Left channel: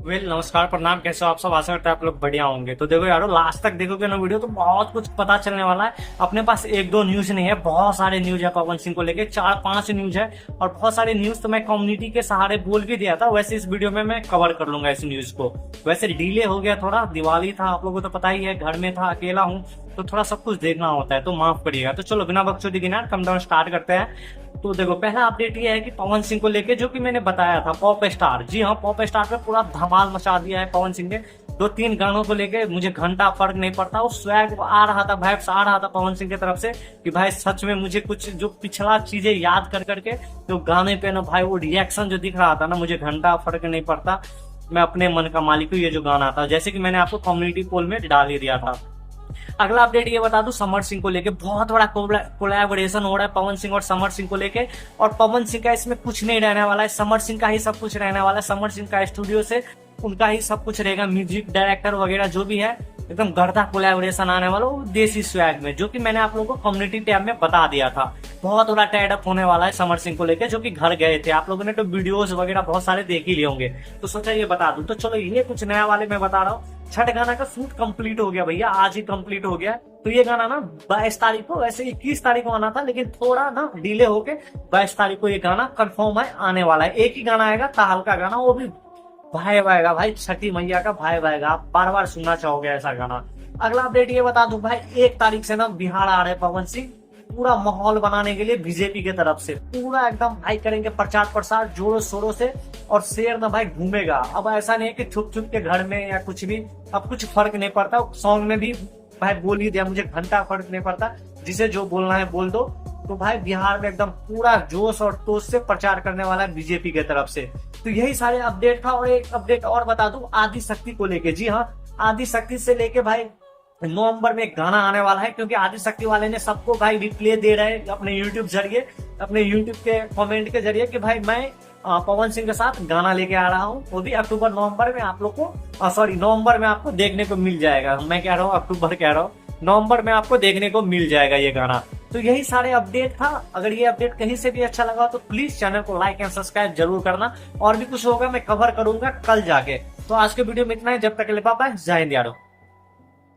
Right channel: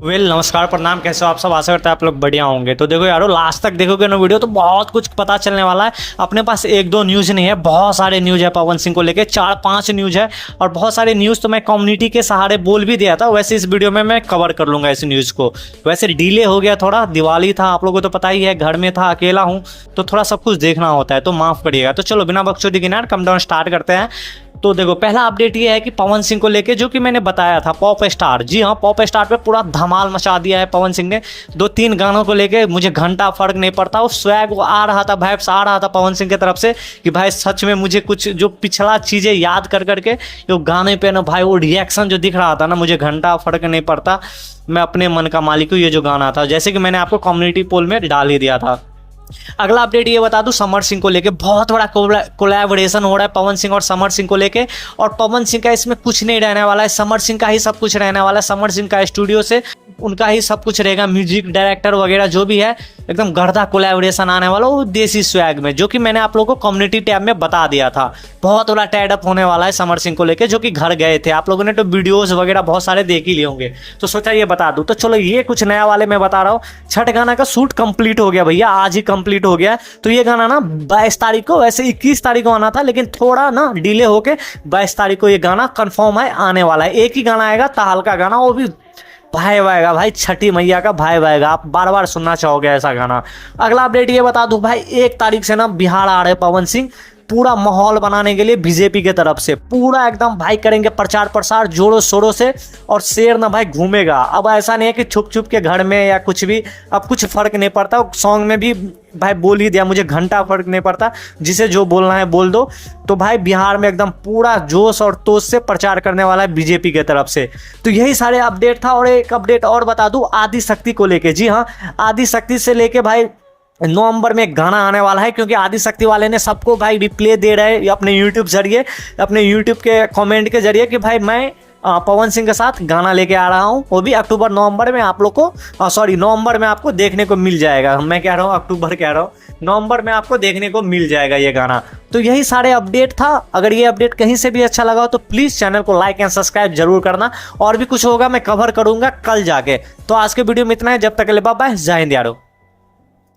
नमस्कार प्रणाम। कैसे हो आप सब? आशा करते हैं आप लोग बढ़िया होंगे। तो देखो यारो, लास्ट तक देखोगे ना वीडियो तो बहुत कुछ पता चलने वाला है। अपने पास एक दो न्यूज़ नहीं है, बहुत सारे न्यूज़ है पवन सिंह को लेके, 4-5 न्यूज़ है। और बहुत सारे न्यूज़ तो मैं कम्युनिटी के सहारे बोल भी दिया था। वैसे इस वीडियो में मैं कवर कर लूंगा इस न्यूज़ को। वैसे डिले हो गया थोड़ा, दिवाली था, आप लोगों को तो पता ही है, घर में था, अकेला हूँ, तो थोड़ा सब कुछ देखना होता है, तो माफ़ करिएगा। तो चलो बिना बकचोदी के ना कम डाउन स्टार्ट करते हैं। तो देखो, पहला अपडेट ये है कि पवन सिंह को लेके, जो कि मैंने बताया था, पॉप स्टार, जी हाँ, पॉप स्टार पे पूरा धमाल मचा दिया है पवन सिंह ने। 2-3 गानों को लेके मुझे घंटा फर्क नहीं पड़ता, वो स्वैग आ रहा था, वाइब्स आ रहा था पवन सिंह की तरफ से कि भाई सच में मुझे कुछ जो पिछला चीज़ें याद कर करके जो गाने पे ना भाई वो रिएक्शन जो दिख रहा था ना, मुझे घंटा फर्क नहीं पड़ता, मैं अपने मन का मालिक हूँ। ये जो गाना था, जैसे कि मैंने आपको कम्युनिटी पोल में डाल ही दिया था। अगला अपडेट ये बता दूं, समर सिंह को लेके बहुत बड़ा कोलैबोरेशन हो रहा है पवन सिंह और समर सिंह को लेके। और पवन सिंह का इसमें कुछ नहीं रहने वाला है, समर सिंह का ही सब कुछ रहने वाला है। समर सिंह का स्टूडियो से उनका ही सब कुछ रहेगा, म्यूजिक डायरेक्टर वगैरह जो भी है, एकदम गर्दा कोलैबोरेशन आने वाला वो देसी स्वैग में, जो कि मैंने आप लोगों को कम्युनिटी टैब में बता दिया था। बहुत बड़ा टाइड अप होने वाला है समर सिंह को लेके, जो कि घर गए थे, आप लोगों ने तो वीडियोस वगैरह बहुत सारे देख ही लिए होंगे, तो सोचा ये बता दूं। तो चलो, ये कुछ नया वाले मैं बता रहा हूँ। छठ गाना का शूट कंप्लीट हो गया भैया, आज ही कंप्लीट हो गया। तो ये गाना ना 22 तारीख को, वैसे 21 तारीख को आना था, लेकिन थोड़ा ना डिले होके 22 तारीख को ये गाना कंफर्म है, आने वाला है। एक ही गाना आएगा, ताल का गाना, वो भी भाई आएगा भाई, छठी मैया का भाई आएगा, आप बार बार सुनना चाहोगे ऐसा गाना। अगला अपडेट ये बता दूं भाई, 1 तारीख से ना बिहार आ रहे पवन सिंह, पूरा माहौल बनाने के लिए बीजेपी के तरफ से पूरा एकदम भाई करेंगे प्रचार प्रसार जोरों शोरों से। और शेर ना भाई घूमेगा, अब ऐसा नहीं है कि छुप छुप के घर में या कुछ भी, अब कुछ फर्क नहीं पड़ता। सॉन्ग में भी भाई बोल ही दिया, मुझे घंटा फर्क नहीं पड़ता, जिसे जो बोलना है बोल दो। तो भाई बिहार में एकदम पूरा जोश और तोश से प्रचार करने वाला है बीजेपी के तरफ से। तो यही सारे अपडेट था। और एक अपडेट और बता दूं, आदि शक्ति को लेके, जी हाँ, आदि शक्ति से लेके भाई नवंबर में एक गाना आने वाला है, क्योंकि आदि शक्ति वाले ने सबको भाई रिप्ले दे रहे अपने यूट्यूब जरिए, अपने यूट्यूब के कमेंट के जरिए कि भाई मैं पवन सिंह के साथ गाना लेके आ रहा हूँ। वो भी अक्टूबर नवंबर में आप लोग को, सॉरी नवंबर में आपको देखने को मिल जाएगा। मैं कह रहा हूँ अक्टूबर कह रहा हूँ, नवंबर में आपको देखने को मिल जाएगा ये गाना। तो यही सारे अपडेट था। अगर ये अपडेट कहीं से भी अच्छा लगा हो तो प्लीज़ चैनल को लाइक एंड सब्सक्राइब जरूर करना। और भी कुछ होगा मैं कवर करूँगा कल जाके। तो आज के वीडियो में इतना है, जब तक के लिए बाय बाय, जय हिंद यारो।